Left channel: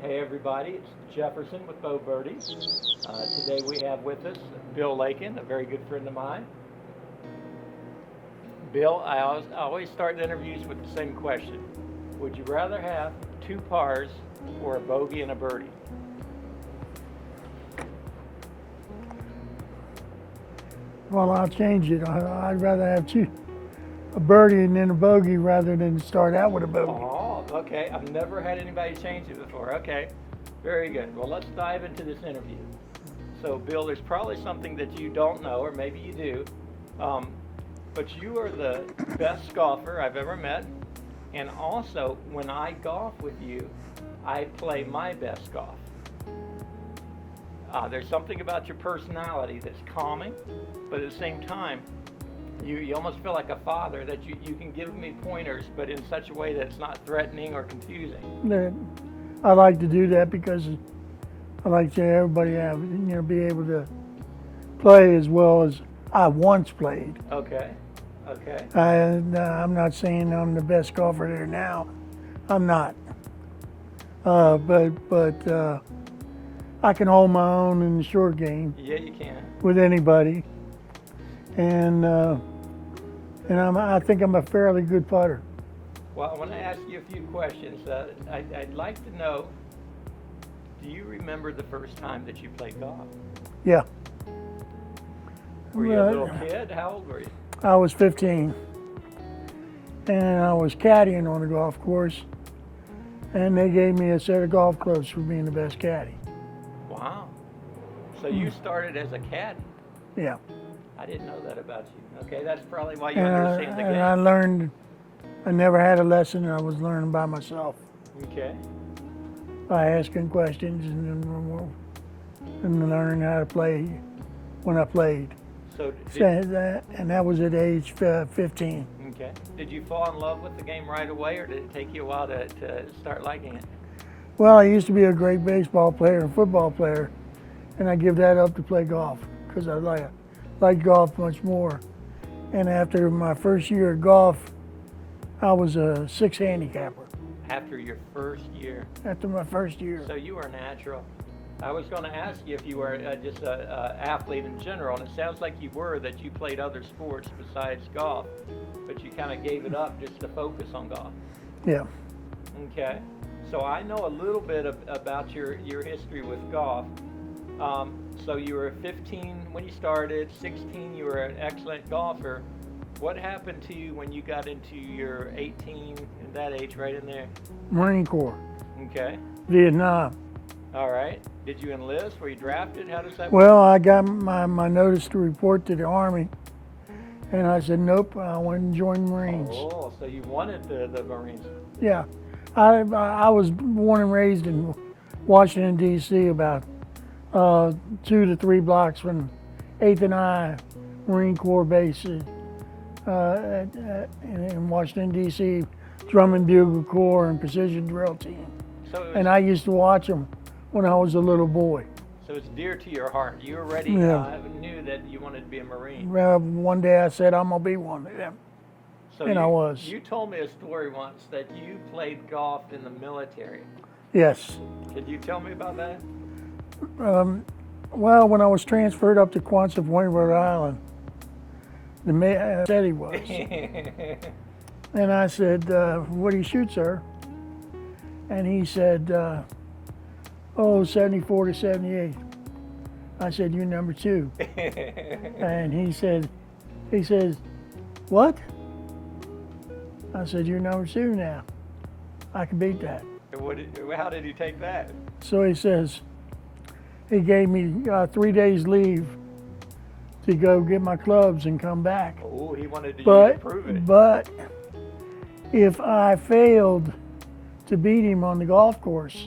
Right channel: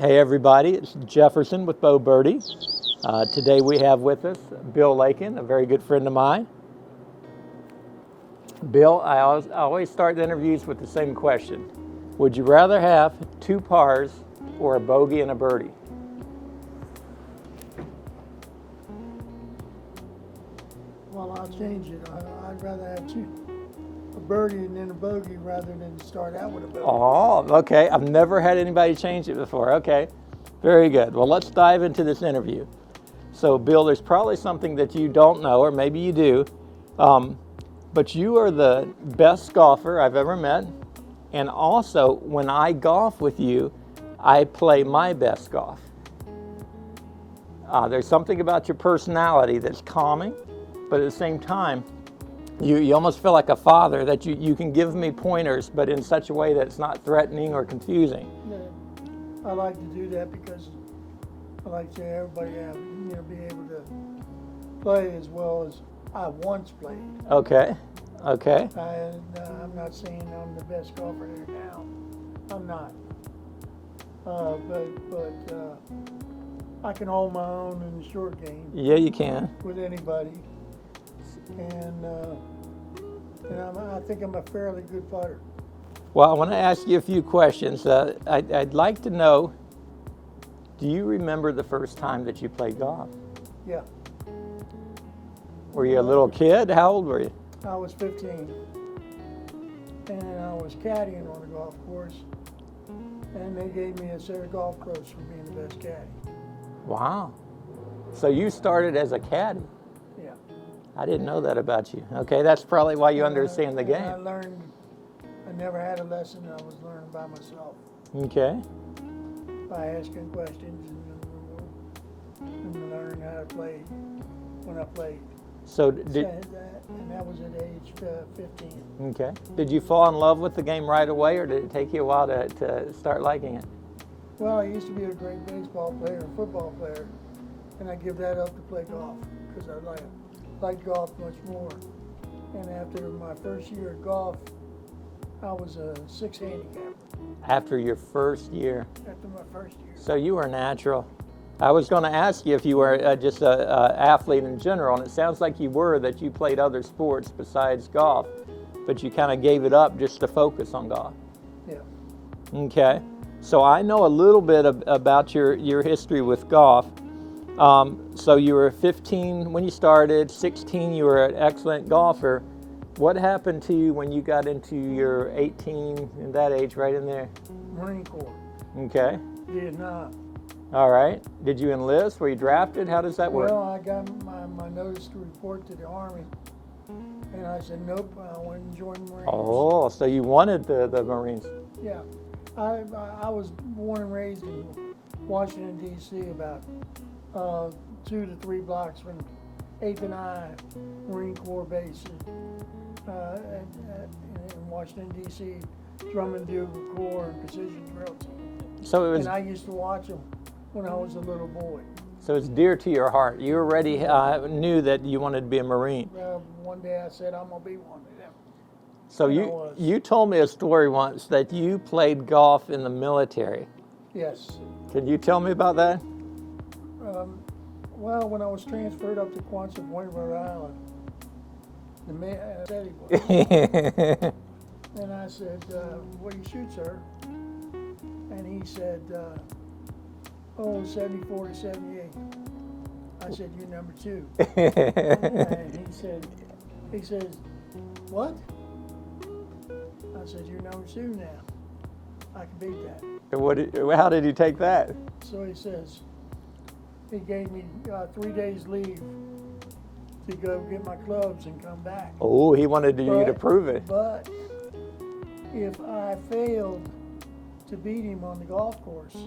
Hey everybody, it's Jefferson with Bo Birdie. Today we have with us Bill Lakin, a very good friend of mine. Bill, I always start the interviews with the same question. Would you rather have two pars or a bogey and a birdie? Well, I'll change it. I'd rather have a birdie and then a bogey rather than start out with a bogey. Oh, okay. I've never had anybody change it before. Okay, very good. Well, let's dive into this interview. So, Bill, there's probably something that you don't know, or maybe you do, but you are the best golfer I've ever met. And also, when I golf with you, I play my best golf. There's something about your personality that's calming, but at the same time, you almost feel like a father, that you can give me pointers, but in such a way that it's not threatening or confusing. I like to do that because I like to everybody be able to play as well as I once played. Okay. I'm not saying I'm the best golfer there now. I'm not. But I can hold my own in the short game. Yeah, you can. With anybody. And I think I'm a fairly good putter. Well, I want to ask you a few questions. I'd like to know, do you remember the first time that you played golf? Yeah. Were you a little kid? How old were you? I was 15. And I was caddying on the golf course. And they gave me a set of golf clubs for being the best caddy. Wow. So you started as a caddy? Yeah. I didn't know that about you. Okay, that's probably why you understand the game. And I learned, I never had a lesson, I was learning by myself. Okay. By asking questions and learning how to play when I played. So and that was at age 15. Okay. Did you fall in love with the game right away, or did it take you a while to start liking it? Well, I used to be a great baseball player and football player, and I give that up to play golf because I like golf much more. And after my first year of golf, I was a 6 handicapper. After your first year? After my first year. So you were natural. I was going to ask you if you were just an athlete in general, and it sounds like you were, that you played other sports besides golf, but you kind of gave it up just to focus on golf. Yeah. Okay. So I know a little bit about your history with golf. So you were 15 when you started, 16 you were an excellent golfer. What happened to you when you got into your 18 and that age, right in there? Marine Corps. Okay. Vietnam. All right. Did you enlist? Were you drafted? How does that work? Well, I got my notice to report to the Army, and I said, nope, I want to join the Marines. Oh, so you wanted the Marines. Yeah. I was born and raised in Washington, D.C., about 2 to 3 blocks from 8th and I Marine Corps base in Washington, D.C., Drum and Bugle Corps and Precision Drill Team. So and I used to watch them when I was a little boy. So it's dear to your heart. You already knew that you wanted to be a Marine. One day I said, I'm going to be one of them. So and I was. You told me a story once that you played golf in the military. Yes. Can you tell me about that? Well, when I was transferred up to Quonset Point, Rhode Island, the man said he was. And I said, what do you shoot, sir? And he said, 74 to 78. I said, you're number 2. And he says, what? I said, you're number 2 now. I can beat that. And how did he take that? So he says, he gave me 3 days leave to go get my clubs and come back. Oh, he wanted you to prove it. But if I failed to beat him on the golf course,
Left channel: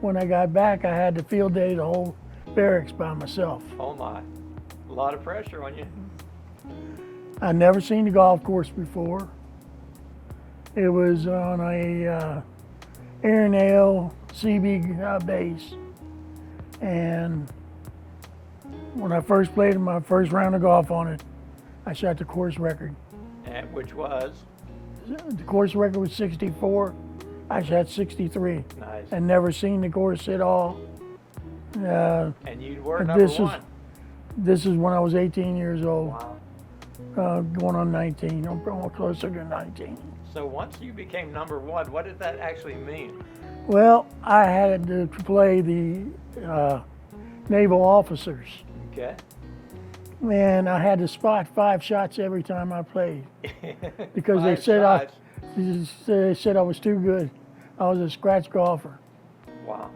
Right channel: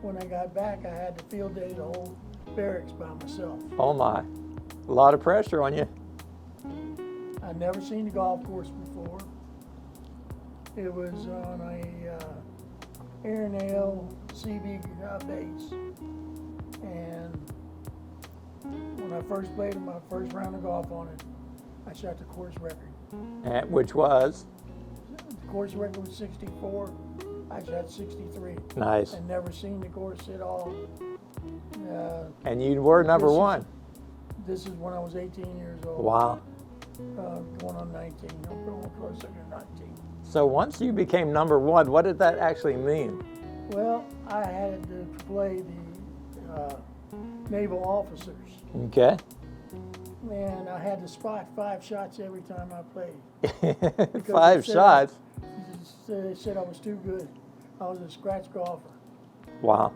when I got back, I had to field day the whole barracks by myself. Oh my, a lot of pressure on you. I'd never seen the golf course before. It was on a Air and Ale CB base. And when I first played my first round of golf on it, I shot the course record. Which was? The course record was 64, I shot 63 Nice. and never seen the course at all. And you were number one. This is when I was 18 years old. Wow. Going on 19. I'm going closer to 19. So once you became number one, what did that actually mean? Well, I had to play the naval officers, Okay. and I had to spot 5 shots every time I played. Because Five shots? They said I was too good. I was a scratch golfer. Wow.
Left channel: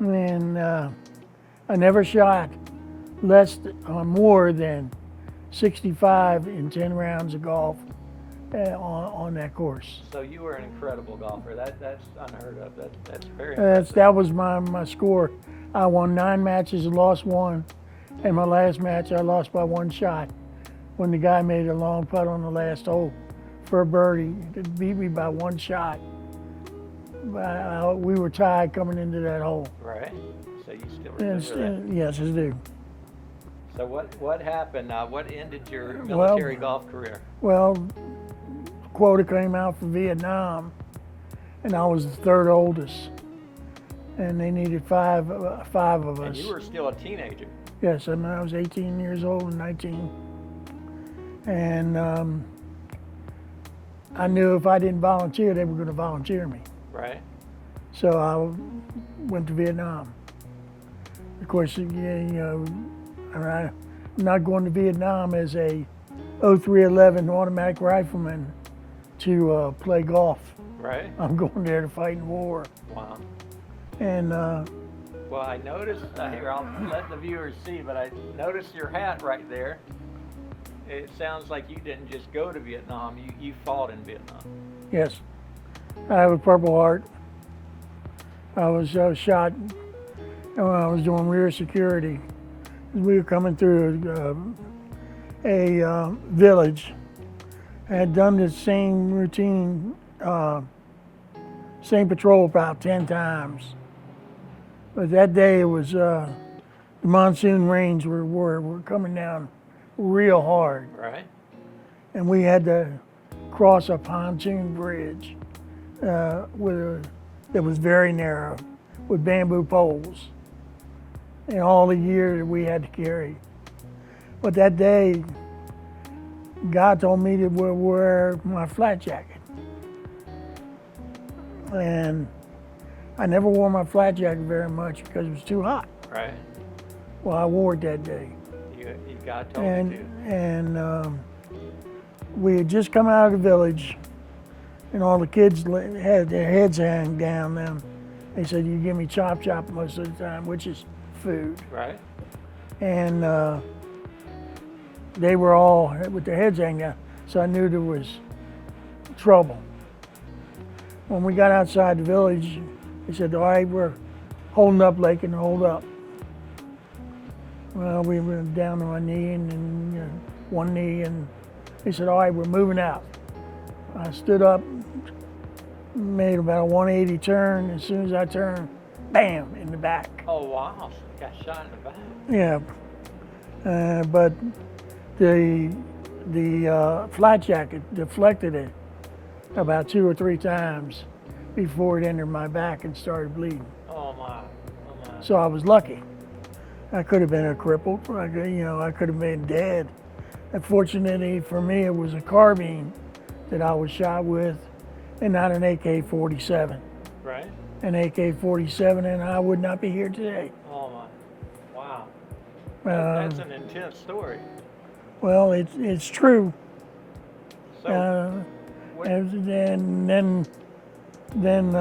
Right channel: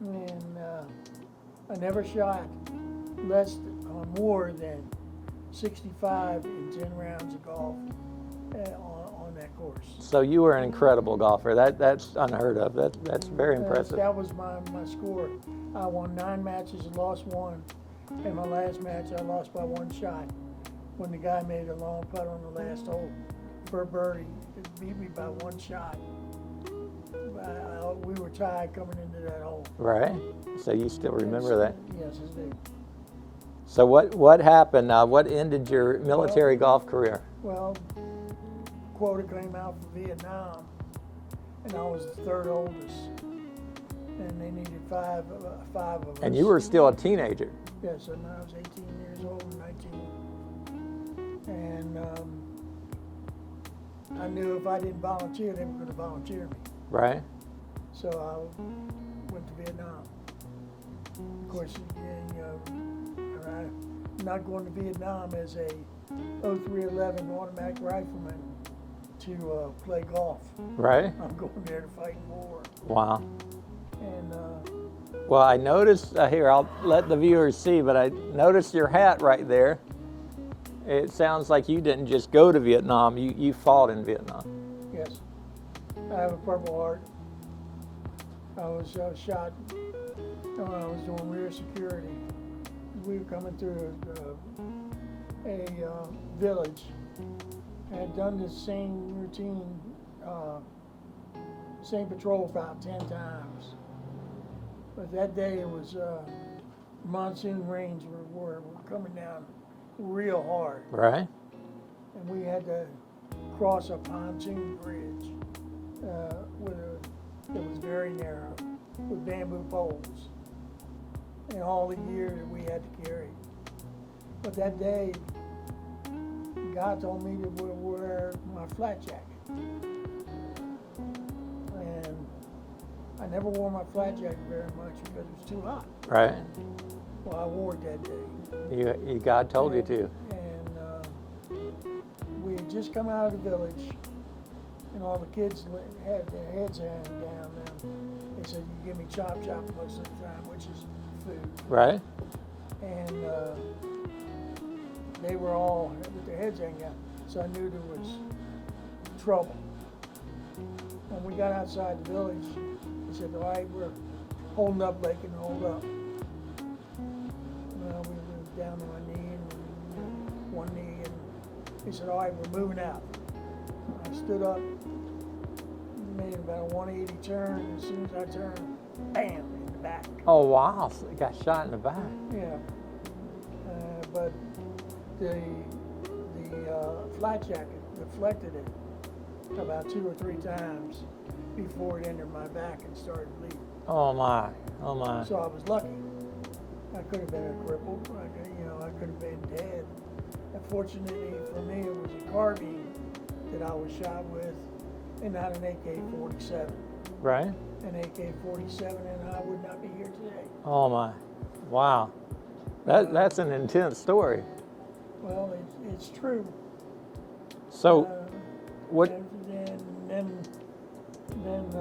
And I never shot more than 65 in 10 rounds of golf on that course. So you were an incredible golfer. That's unheard of. That's very impressive. That was my score. I won 9 matches and lost 1. And my last match, I lost by 1 shot when the guy made a long putt on the last hole for a birdie. It beat me by 1 shot. We were tied coming into that hole. Right. So you still remember that? Yes, I do. So what happened? What ended your military golf career? Well, quota came out for Vietnam, and I was the 3rd oldest, and they needed five of us. And you were still a teenager. Yes, and I was 18 years old and 19. And I knew if I didn't volunteer, they were going to volunteer me. Right. So I went to Vietnam. Of course, I'm not going to Vietnam as a 0311 automatic rifleman to play golf. Right. I'm going there to fight in war. Wow. And well, I noticed here. I'll let the viewers see, but I noticed your hat right there. It sounds like you didn't just go to Vietnam. You fought in Vietnam. yes, I have a Purple Heart. I was shot when I was doing rear security. We were coming through a village. I had done the same routine, same patrol about 10 times. But that day it was the monsoon rains were coming down real hard. Right. And we had to cross a pontoon bridge that was very narrow with bamboo poles. And all the gear that we had to carry. But that day, God told me to wear my flat jacket. And I never wore my flat jacket very much because it was too hot. Right. Well, I wore it that day. God told you to. And we had just come out of the village, and all the kids had their heads hanging down. Them, they said, "You give me chop most of the time," which is food. Right. And they were all with their heads hanging down, so I knew there was trouble. When we got outside the village, they said, "All right, we're holding up, Lakin, hold up." Well, we went down to my knee and one knee, and they said, "All right, we're moving out." I stood up, made about a 180 turn. As soon as I turned, bam, in the back. Oh wow! So you got shot in the back. Yeah, but the flat jacket deflected it about 2 or 3 times before it entered my back and started bleeding. Oh my! Oh my! So I was lucky. I could have been a cripple. I could have been dead. Unfortunately for me, it was a carbine that I was shot with, and not an AK-47. Right. An AK-47, and I would not be here today. Oh my! Wow. That's an intense story. Well, it's true. So, what? And then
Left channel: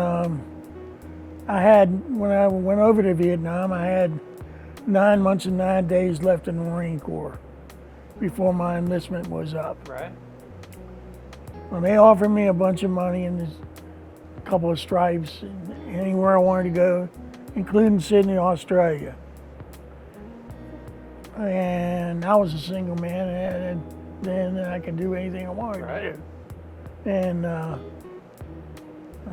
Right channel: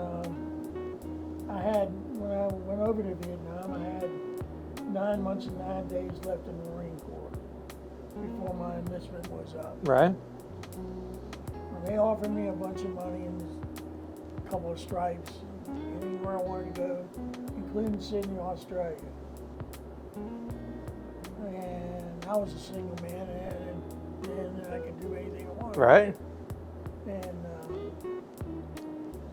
I had, when I went over to Vietnam, I had 9 months and 9 days left in the Marine Corps before my enlistment was up. Right. Well, they offered me a bunch of money and a couple of stripes anywhere I wanted to go, including Sydney, Australia. And I was a single man, and then I could do anything I wanted Right. to do. And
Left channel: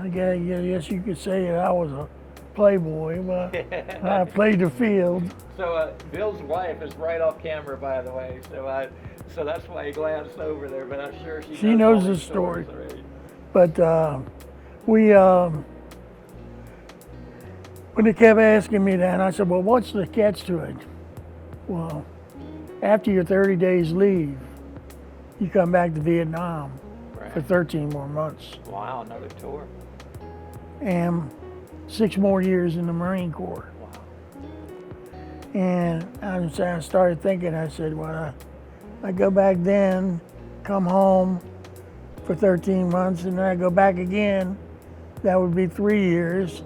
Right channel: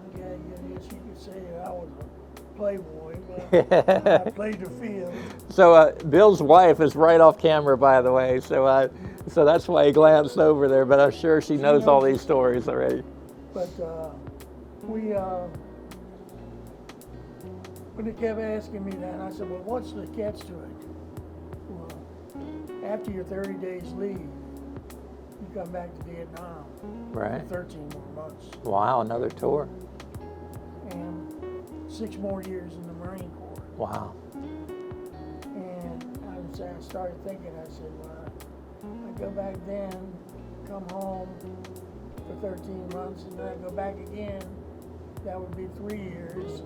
I guess you could say that I was a playboy, but I played the field. So Bill's wife is right off camera, by the way. So that's why he glanced over there. But I'm sure she knows all the these stories story. already. But we When they kept asking me that, I said, well, what's the catch to it? Well, after your 30 days leave, you come back to Vietnam for Right. 13 more months Wow, another tour. and 6 more years in the Marine Corps. Wow. And I started thinking, I said, well, I go back then, come home for 13 months, and then I go back again, that would be 3 years.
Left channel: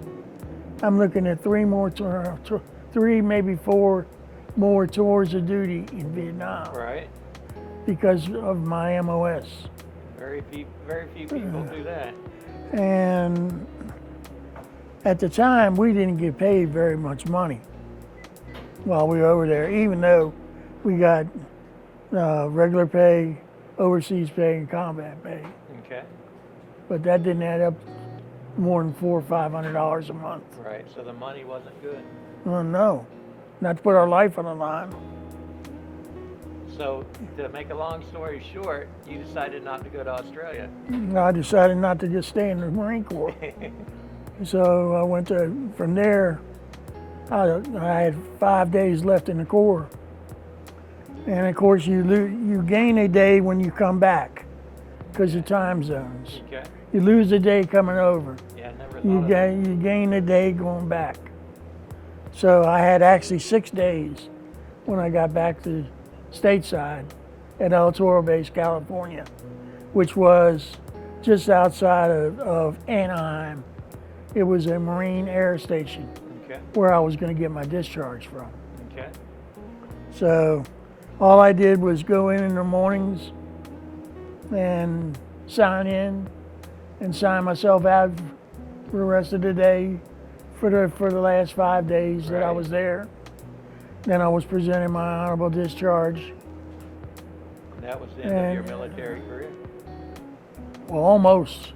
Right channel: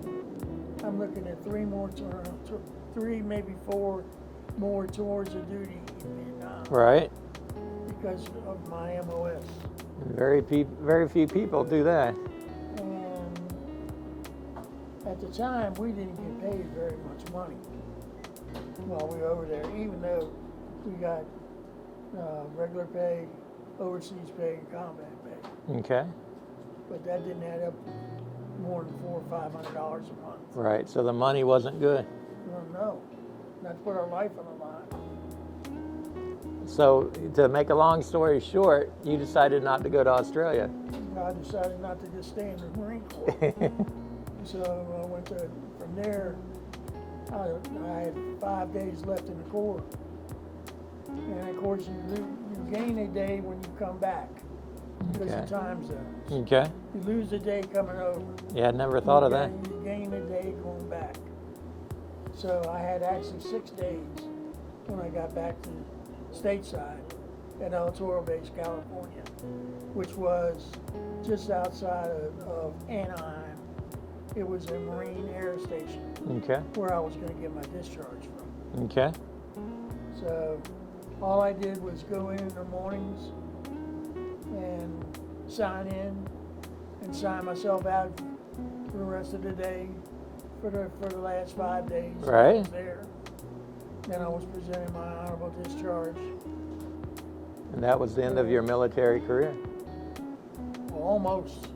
I'm looking at 3 more, 3, maybe 4 more tours of duty in Vietnam Right. because of my MOS. Very few people do that. And at the time, we didn't get paid very much money while we were over there, even though we got regular pay, overseas pay, and combat pay. Okay. But that didn't add up more than $400 or $500 a month. Right. So the money wasn't good. Oh, no, not to put our life on the line. So to make a long story short, you decided not to go to Australia. I decided not to just stay in the Marine Corps. So I went from there, I had 5 days left in the Corps. And of course, you gain a day when you come back because of time zones. Okay. You lose a day coming over. Yeah, I never thought of that. You gain a day going back. So I had actually 6 days when I got back to stateside at El Toro Base, California, which was just outside of Anaheim. It was a Marine Air Station Okay. where I was going to get my discharge from. Okay. So all I did was go in the mornings and sign in and sign myself out for the rest of the day for the last 5 days that I Right. was there. Then I was presenting my honorable discharge. And that was the end of your military career. Well, almost.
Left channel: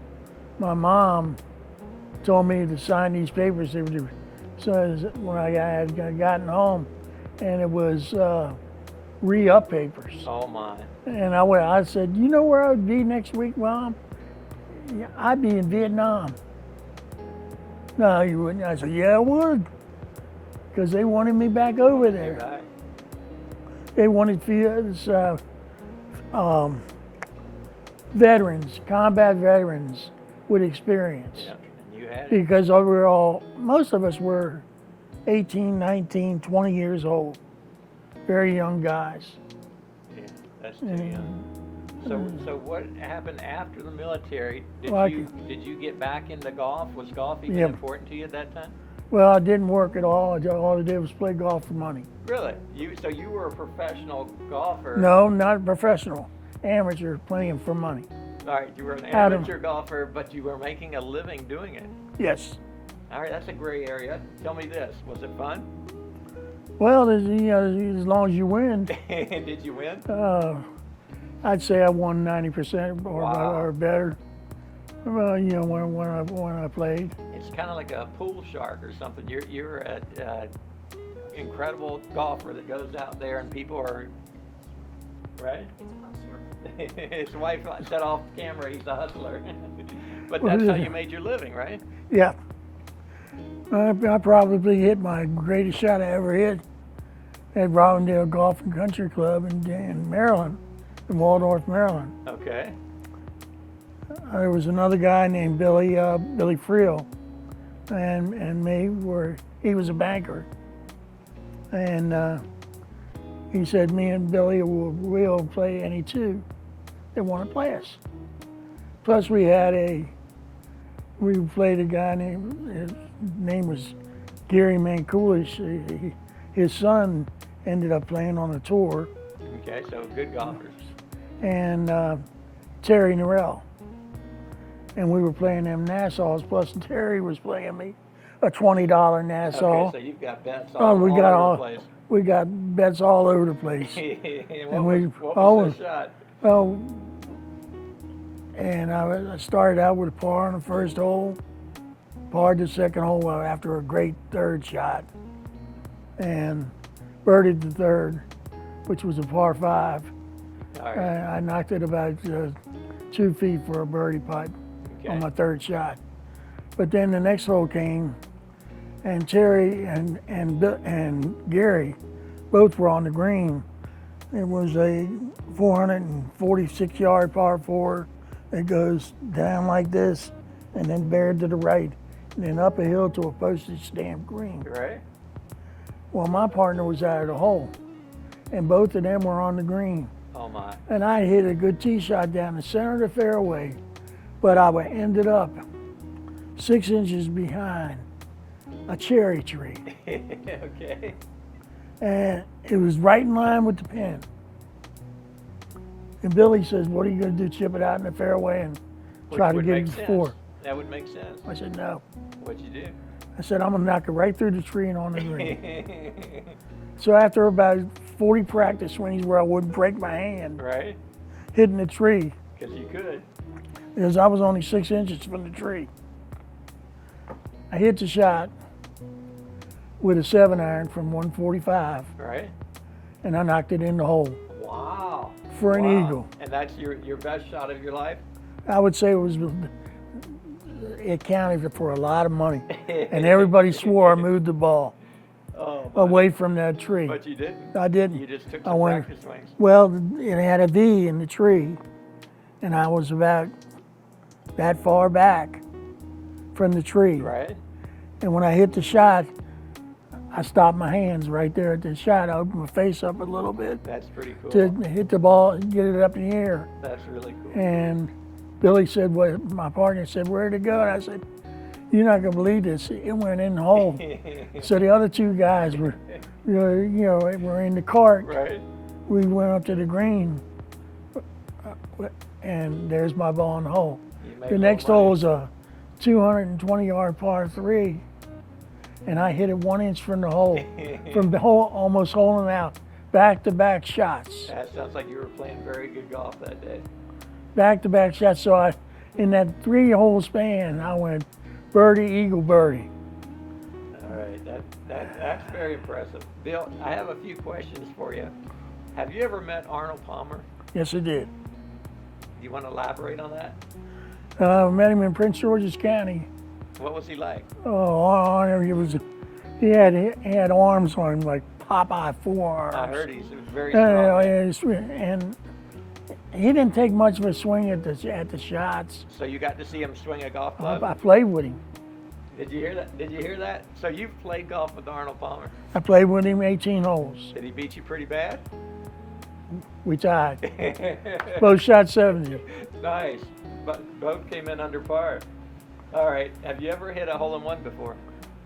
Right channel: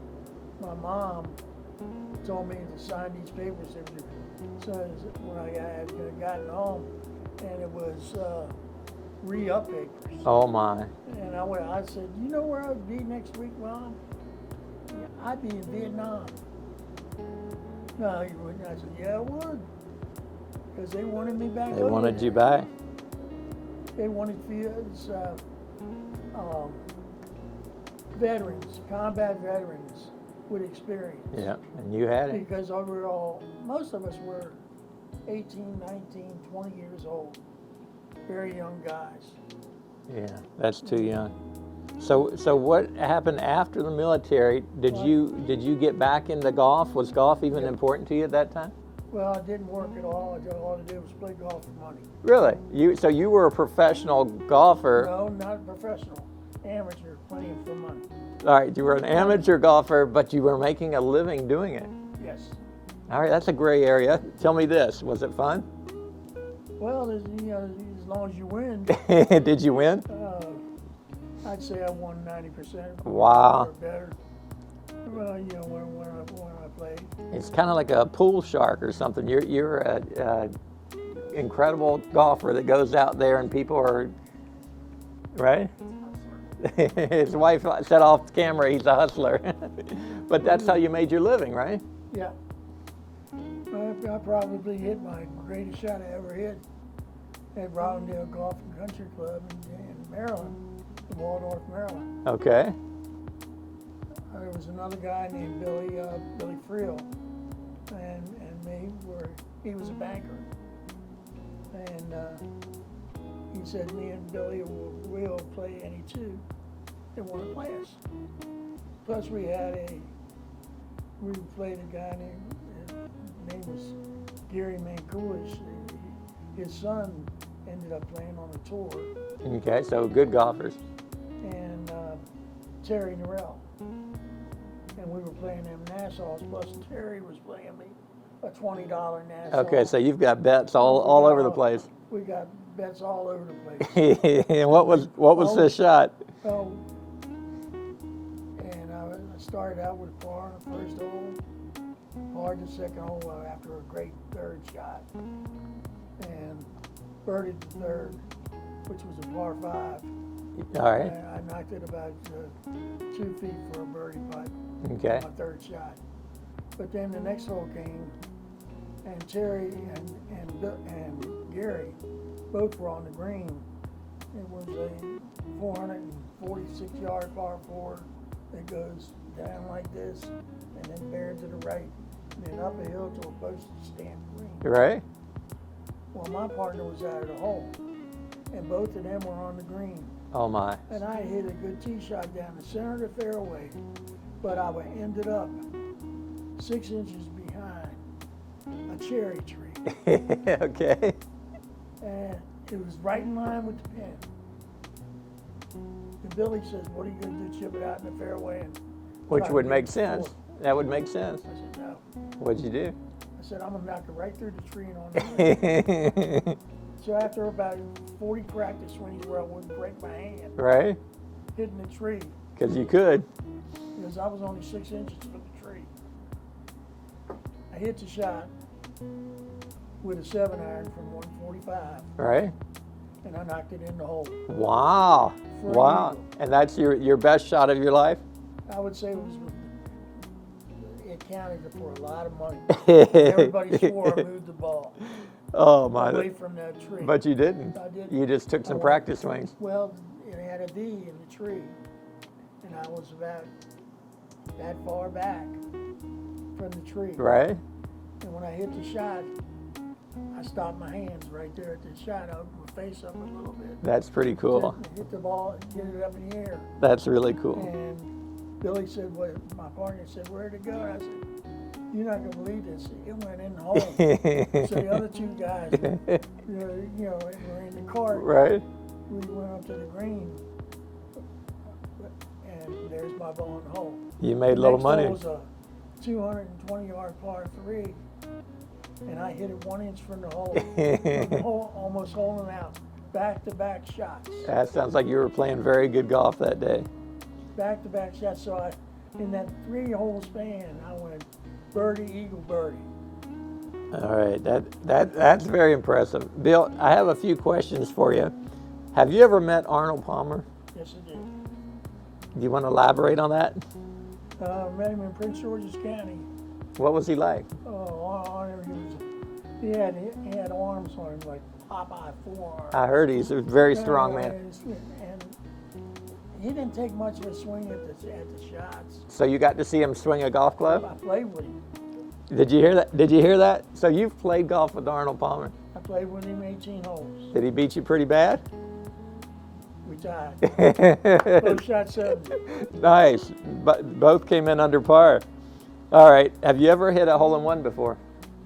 My mom told me to sign these papers. They were so when I had gotten home, and it was re-up papers. Oh my. And I said, you know where I would be next week, Mom? Yeah, I'd be in Vietnam. No, you wouldn't. I said, yeah, I would. Because they wanted me back They over wanted there. you back. They wanted veterans, combat veterans with experience. Yeah. And you had it. Because most of us were 18, 19, 20 years old. Very young guys. Yeah. That's too young. So what happened after the military? Did you get back into golf? Was golf even Yep. important to you at that time? Well, I didn't work at all. All I did was play golf for money. Really? So you were a professional golfer? No, not professional. Amateur, playing for money. All right, you were an amateur golfer, but you were making a living doing it. Yes. All right, that's a gray area. Tell me this: was it fun? Well, as long as you win, Did you win? I'd say I won 90% Wow. or better. Well, when I played. It's kind of like a pool shark or something. You're an incredible golfer that goes out there and people are right. His wife said off camera he's a hustler, but that's how you made your living, right? Yeah. I probably hit my greatest shot I ever hit at Robindale Golf and Country Club in Maryland, in Waldorf, Maryland. Okay. There was another guy named Billy Friel, and me he was a banker, and he said me and Billy will play any two that want to play us. Plus we played a guy his name was Gary Mankulish. His son ended up playing on the tour, Okay, so good golfers. and Terry Norrell. And we were playing them Nassaus, plus Terry was playing me a $20 Nassau. Okay, so you've got bets all over the place. We got bets all over the place. And what was the shot? Well, and I started out with a par on the first hole, parred the second hole after a great third shot, and birdied the third, which was a par 5. All right. I knocked it about 2 feet for a birdie putt on Okay. my third shot. But then the next hole came, and Terry and Gary both were on the green. It was a 446-yard par 4 that goes down like this and then bared to the right and then up a hill to a postage stamp green. Right. Well, my partner was out of the hole, and both of them were on the green. Oh my. And I hit a good tee shot down the center of the fairway, but I ended up 6 inches behind a cherry tree. Okay. And it was right in line with the pin. And Billy says, "What are you going to do, chip it out in the fairway and Which try to would get make it sense. before?" That would make sense. I said, "No." What'd you do? I said, "I'm going to knock it right through the tree and on the green." So after about 40 practice swings where I wouldn't break my hand Right? hitting the tree, Because you could. because I was only 6 inches from the tree, I hit the shot with a 7-iron from 145, Right? and I knocked it in the hole Wow. for an Wow. eagle. And that's your best shot of your life? I would say it counted for a lot of money, and everybody swore I moved the ball Oh my. away from that tree. But you didn't. I didn't. You just took I some went- practice swings. Well, it had a V in the tree, and I was about that far back from the tree. Right? And when I hit the shot, I stopped my hands right there at the shot. I opened my face up a little bit That's pretty cool. to hit the ball and get it up in the air. That's really cool. And Billy said, "What?" My partner said, "Where'd it go?" And I said, "You're not gonna believe this. It went in the hole." So the other two guys were, were in the cart. Right? We went up to the green, and there's my ball in the hole. You The made a next little money. hole was a 220-yard par 3, and I hit it 1 inch from the hole, from the hole, almost holing out. Back-to-back shots. That sounds like you were playing very good golf that day. Back-to-back shots. So in that 3-hole span, I went birdie, eagle, birdie. All right, that's very impressive. Bill, I have a few questions for you. Have you ever met Arnold Palmer? Yes, I did. Do you want to elaborate on that? Met him in Prince George's County. What was he like? Oh, he had arms on him like Popeye forearms. I heard he's a very strong man. And he didn't take much of a swing at the shots. So you got to see him swing a golf I club? played with him. Did you hear that? Did you hear that? So you've played golf with Arnold Palmer. I played with him 18 holes. Did he beat you pretty bad? We tied. Both shot 70. Nice. But both came in under par. All right. Have you ever hit a hole-in-one before?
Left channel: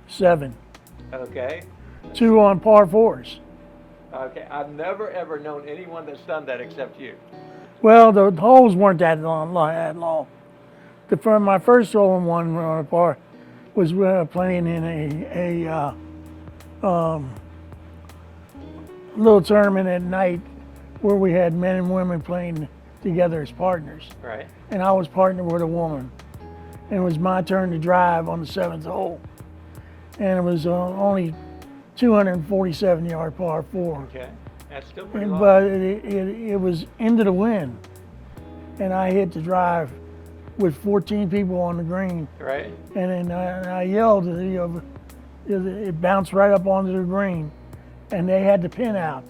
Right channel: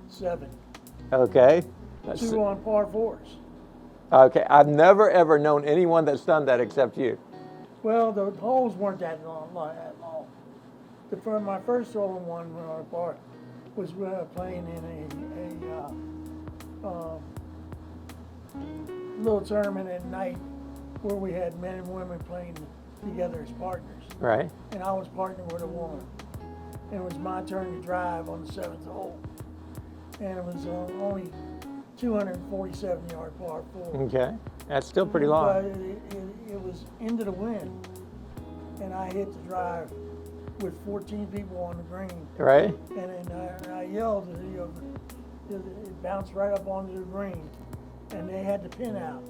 7. Okay. 2 on par 4s. Okay. I've never ever known anyone that's done that except you. Well, the holes weren't that long. My first hole-in-one on a par was playing in a little tournament at night where we had men and women playing together as partners. Right. And I was partnered with a woman. And it was my turn to drive on the 7th hole. And it was only 247-yard par 4. Okay. That's still pretty long. But it was into the wind. And I hit the drive with 14 people on the green. Right. And then I yelled, it bounced right up onto the green. And they had the pin out.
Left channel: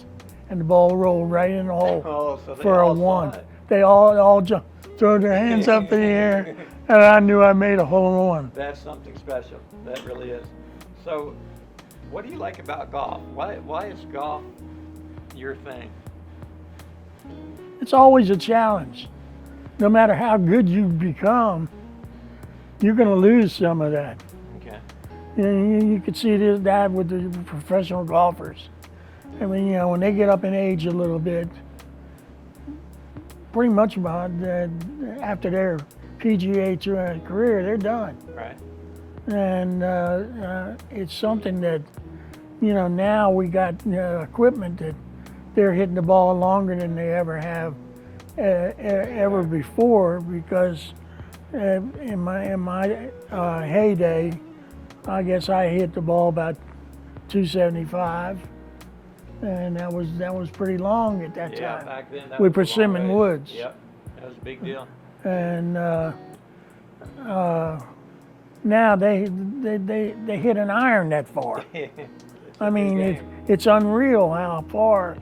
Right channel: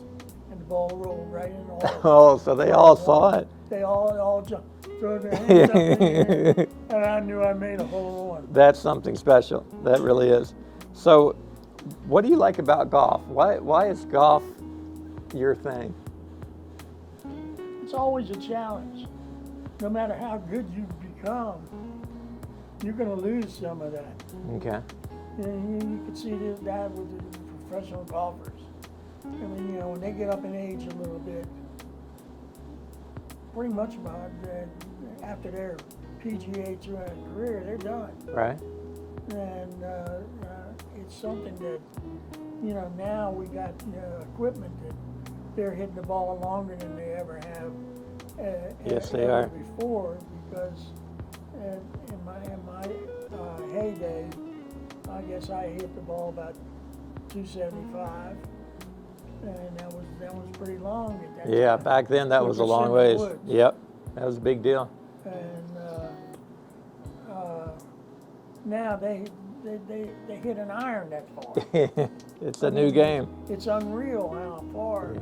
And the ball rolled right in the hole. Oh, so they for a all saw one. it. They all jumped, threw their hands up in the air, and I knew I made a hole-in-one. That's something special. That really is. So, what do you like about golf? Why is golf your thing? It's always a challenge. No matter how good you become, you're going to lose some of that. Okay. You can see that with the professional golfers. I mean, when they get up in age a little bit, pretty much about after their PGA Tour career, they're done. Right. And it's something that, now we got equipment that they're hitting the ball longer than they ever have ever before, because in my heyday, I guess I hit the ball about 275. And that was pretty long at that time. Yeah, back then that With was a long persimmon ways. woods. Yep, that was a big deal. And now they hit an iron that far. It's a I new mean, game. it's unreal how far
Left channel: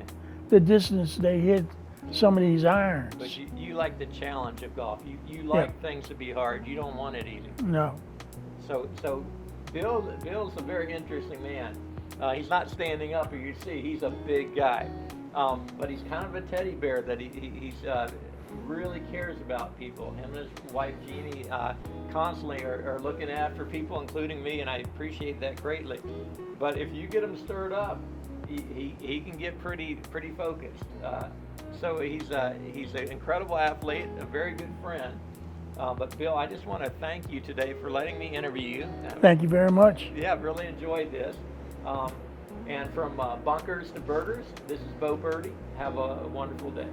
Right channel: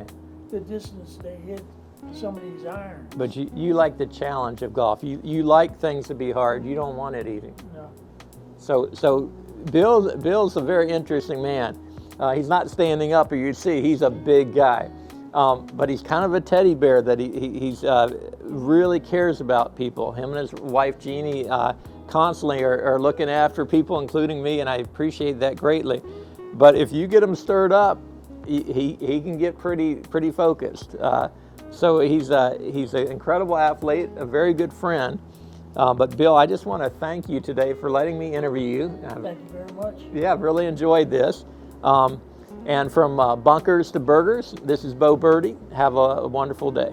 the distance they hit some of these irons. But you like the challenge of golf. You like things to be hard. You don't want it easy. No. So Bill's a very interesting man. He's not standing up, or you'd see he's a big guy, but he's kind of a teddy bear that he's really cares about people. Him and his wife Jeannie constantly are looking after people, including me, and I appreciate that greatly. But if you get him stirred up, he can get pretty focused. So he's an incredible athlete, a very good friend. But Bill, I just want to thank you today for letting me interview you. Thank you very much. Yeah, I've really enjoyed this. And from bunkers to burgers, this is Bo Birdie. Have a wonderful day.